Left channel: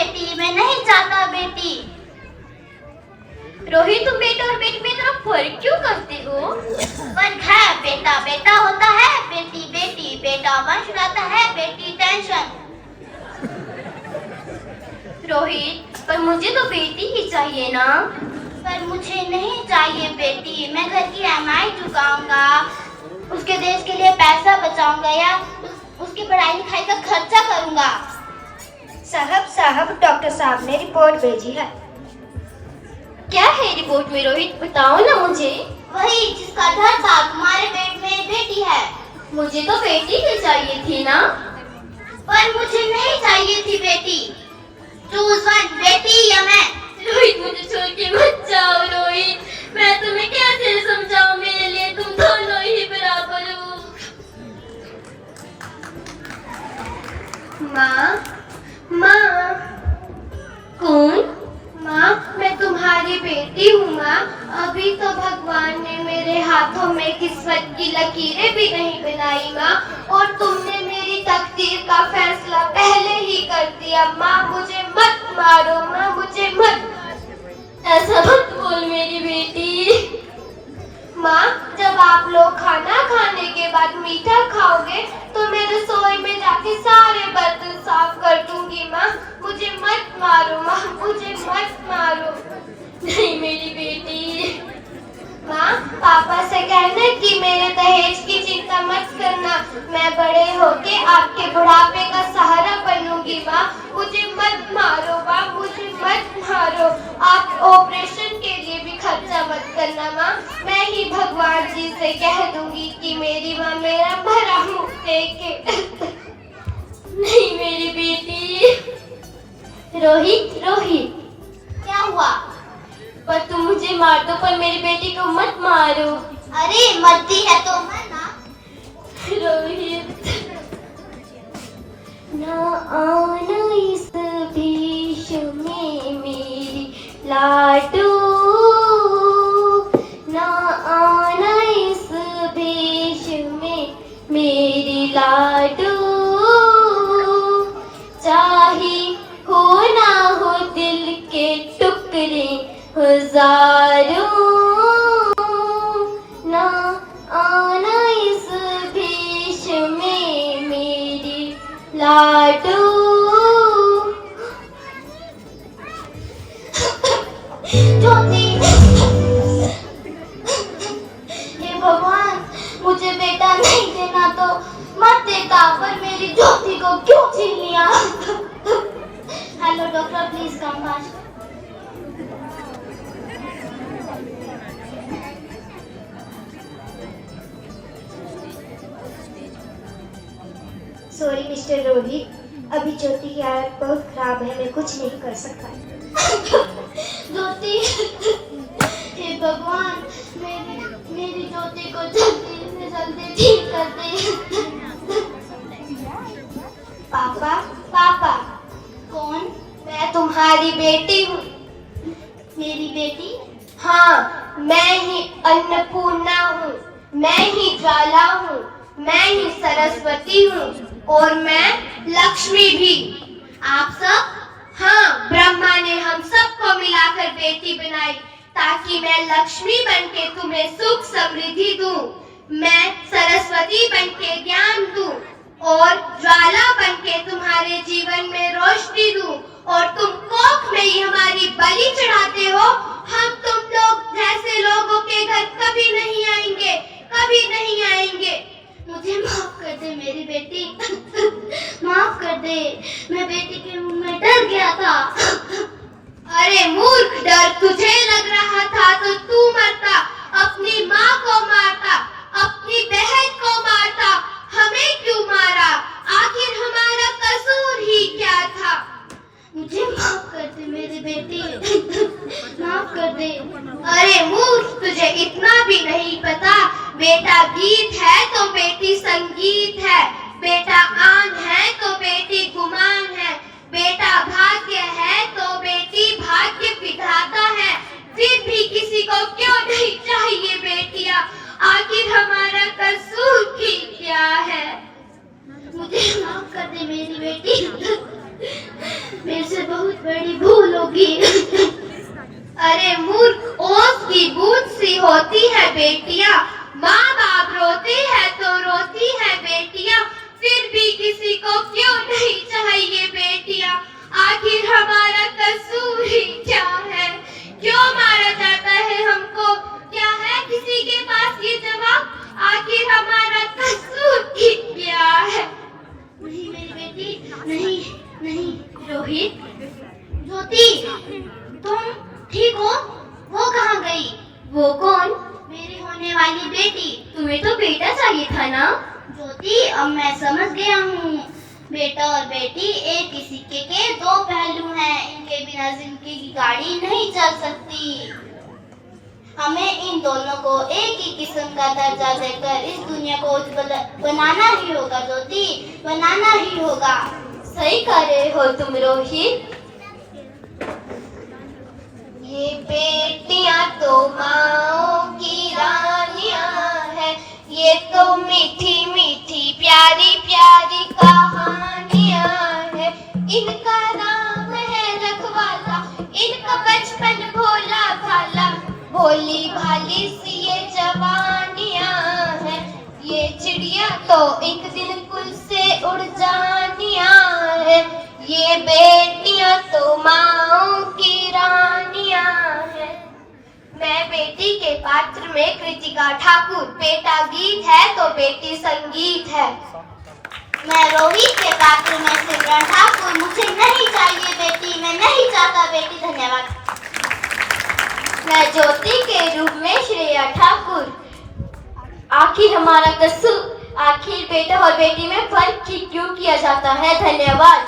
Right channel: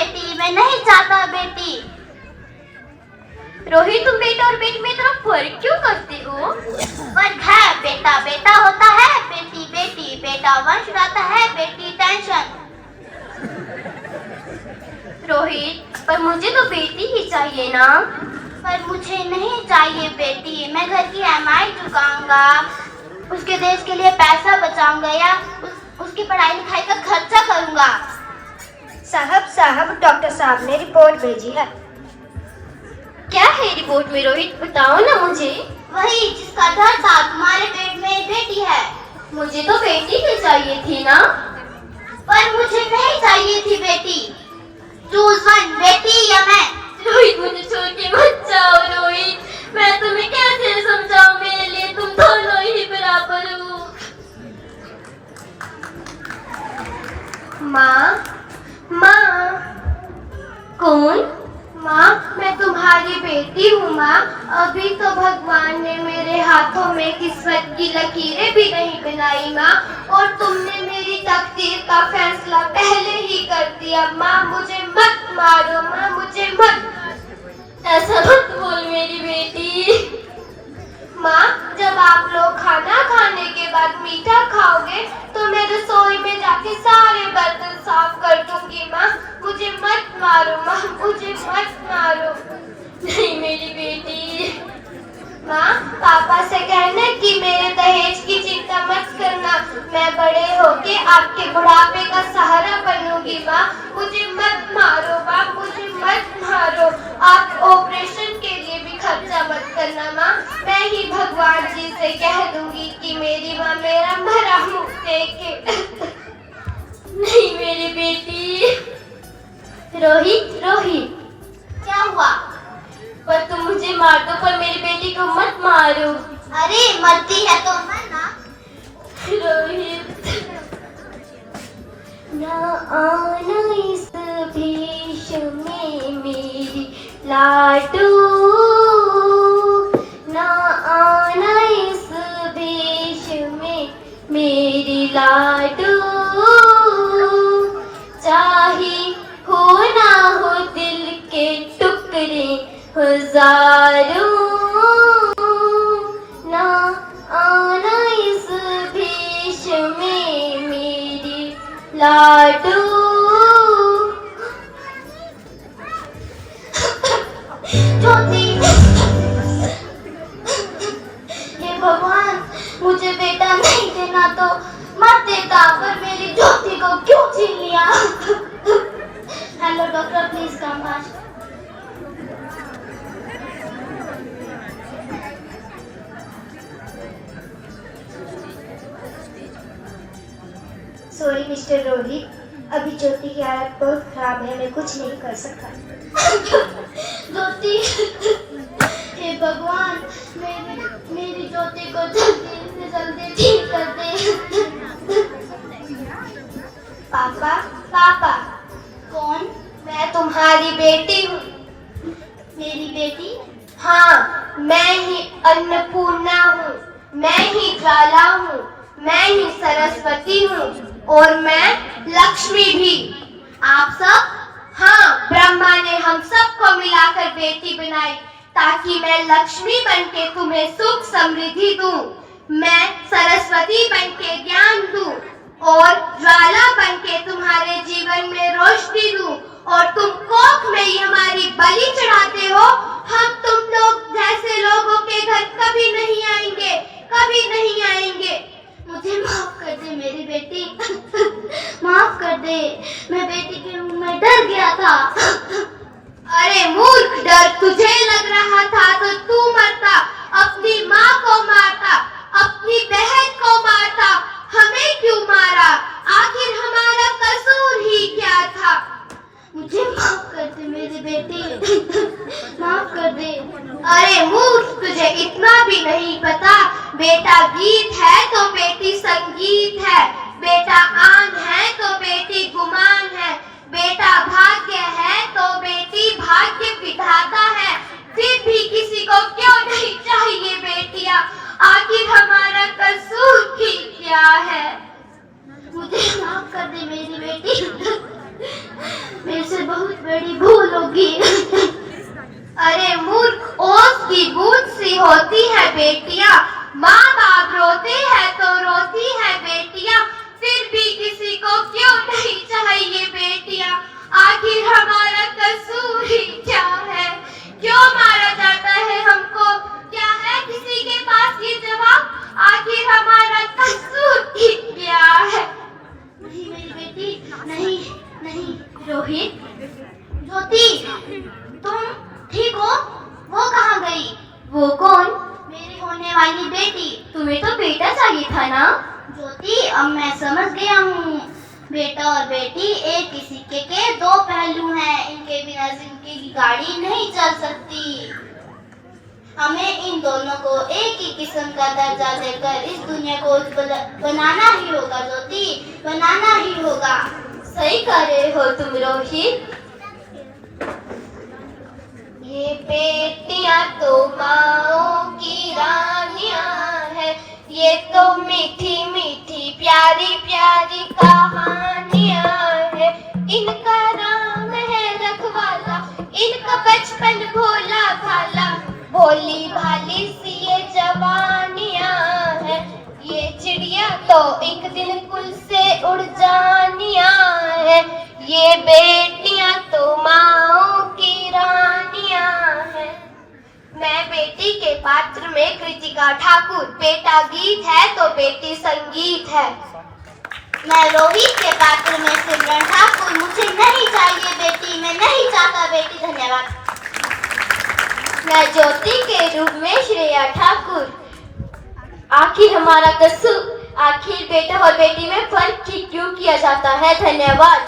बेटी, मैं नहीं चाहता बेटी। रोहित, तुम बेटा और बेटी में इतना फर्क क्यों करते हो? फर्क है, बेटा बेटा होता है, बेटी बेटी। बेटा वंश लाता है, बेटी टेंशन। रोहित, पर मुझे तो बेटी ही चाहिए ना। पर मुझे नहीं चाहिए बेटी। मैं घर की EMI चुकाऊंगा, उसके देश के लिए पैसा बचाऊंगा या उसकी पढ़ाई लिखाई का खर्चा करूंगा। साहब, डॉक्टर साहब ने रिपोर्ट भेजी है। क्या है रिपोर्ट में रोहित, बताओ ना मुझे। वही जिसका डर था, तुम्हारे पेट में बेटी है। मुझे तो बेटी ही चाहिए थी ना। पर मुझे नहीं चाहिए थी बेटी। चूज वन, बेटी या मैं। रोहित, मुझे छोड़ के मत जाओ रोहित, मैं तुम्हें कैसे समझाऊं, मेरे लिए तुम दोनों ही बराबर हो। माँ, कौन? माँ, मैं तुम्हारी बेटी हूँ माँ। अभी तो भगवान ने मेरे हाथों में किस्मत की लकीरें भी नहीं बनाई माँ, और तुमने मेरी तकदीर का फैसला पहले ही कर दिया। माँ, मुझे मत मारो माँ, मुझे मत। ऐसा मत बोल मेरी बेटी। माँ, जब आप लोग खाना खाने के बाद मीठा खाओगे तो मैं रसोई में जाके सारे बर्तन साफ कर दूंगी माँ। मुझे मत मारो माँ, मुझे मत मारो। नहीं मेरी बेटी। माँ, पापा से कहना कि मेरे दहेज की चिंता मत करना। मैं बड़े होके आपके बुढ़ापे का सहारा बनूंगी माँ। मुझे मत मारो माँ, मुझे मत मारो। आप ऑपरेशन के लिए भी खर्चा मत करना माँ। मैं ही भगवान जी से कह दूंगी कि मेरी माँ मेरा भरा मुंह देखे। नहीं मेरी बेटी। रोहित, क्या हुआ? पर तुम मुझे मार दो, पर मेरी बेटी को मत मारो। अरे मरती है तो मरना। रोहित, ना आना इस भेष में मेरी लाडू, ना आना इस भेष में मेरी लाडू। चाहे हो ना हो दिल के टुकड़े हजारों, ना आना इस भेष में मेरी लाडू। ज्योति, हे भगवान, मुझे बेटा नहीं देना तो मत देता, पर मेरी ज्योति को क्यों छीन लिया? Hello doctor, please come fast. Sorry mister Rohit, अभी ज्योति की हालत बहुत खराब है, मैं कुछ नहीं कर सकता। ज्योति, हे भगवान, मेरी ज्योति को जल्दी से जल्दी ठीक कर दे। पापा, कौन? मैं तुम्हारी बेटी हूँ। मेरी बेटी? हाँ, मैं ही अन्नपूर्णा हूँ, मैं ही ज्वाला हूँ, मैं ही सरस्वती हूँ, और मैं लक्ष्मी भी। आप सब? हाँ, ब्रह्मा ने हम सबको मिलाकर बेटी बनाई ताकि मैं लक्ष्मी बनके तुम्हें सुख समृद्धि दूं, मैं सरस्वती बनके ज्ञान दूं, और ज्वाला बनके तुम्हारे जीवन में रोशनी दूं, और तुम कोख में ही हमारी बलि चढ़ाते हो। हम तुम लोग जैसे लोगों के घर कभी नहीं आएंगे, कभी नहीं आएंगे। मुझे माफ कर दे मेरी बेटी। माफ कर दे, मैं बेटी के मुंह में डर गया था। अरे मूर्ख, डर तुझे लग रहा था तो तू मरता, अपनी माँ को मारता, अपनी बहन को मारता। हमें क्यों मारा? आखिर हमारा कसूर ही क्या था? मुझे माफ कर दे मेरी बेटी। माफ कर दे। अरे मूर्ख, तुझे इतना भी नहीं पता, बेटा गीत है तो बेटी संगीत है, बेटा आन है तो बेटी गुमान है, बेटा भाग्य है तो बेटी भाग्य विधाता है। फिर भी किसी को क्यों नहीं चाहिए बेटियां? आखिर हमारा कसूर ही क्या है? मुझे माफ कर दे मेरी बेटी। मेरे से बहुत होगी। अरे मूर्ख, ओस की बूंद सी होती है बेटियां, माँ बाप रोते हैं तो रोती है बेटियां, फिर भी किसी को क्यों नहीं चाहिए बेटियां, आखिर हमारा कसूर ही क्या है, क्यों मारा जाता है हमको, क्या है किसी के पास ये जवाब, आखिर हमारा कसूर ही क्या है। नहीं मेरी बेटी, नहीं नहीं। रोहित, ज्योति, तुम ठीक हो? वो कहाँ गई? वो कौन? मेरी होने वाली बेटी। तुम्हें तो बेटा चाहिए था ना। ज्योति, अब मैं समझ गया हूँ, बेटा और बेटी एक ही सिक्के के दो पहलू हैं, इनके बिना जिंदगी की गाड़ी नहीं चल सकती। हमें इन दोनों को एक ही किस्म का दर्जा देकर इस दुनिया को बनाना ही होगा ज्योति, बनाना ही होगा। सही कह रहे हो तुम रोहित। ये बेटियां तो माँओं की रानियां हैं, ये तो मीठी मीठी प्यारी प्यारी कहानियां हैं, इनका नाम है रखवाला, इनका बचपन भोला भाला, भोली भाली सी ये जवानियां हैं, ये चिड़िया तो एक दिन कुल से उड़ जानियां हैं, ये बेटियां तो माँओं की रानियां हैं। मैं बेटी के पात्र में कृतिका ठाकुर, बेटा गीत है तो बेटी संगीत है। मैं रोहित के पात्र में सिमरन ठाकुर, मुझे नहीं चाहिए बेटी, मैं नहीं चाहता बेटी। धन्यवाद। मैं ज्योति के रूप में श्रेया ठाकुर, आखिर हमारा कसूर, आखिर बेटा और बेटी में फर्क क्यों किया जाता है। धन्यवाद।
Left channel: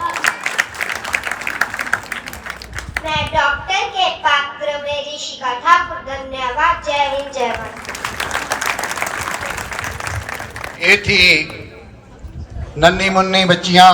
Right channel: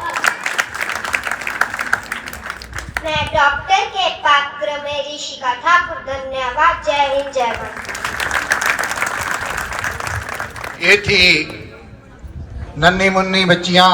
मैं डॉक्टर के पात्र में ऋषिका ठाकुर, धन्यवाद। जय हिंद जय भारत। ये थी नन्ही मुन्नी बच्चियां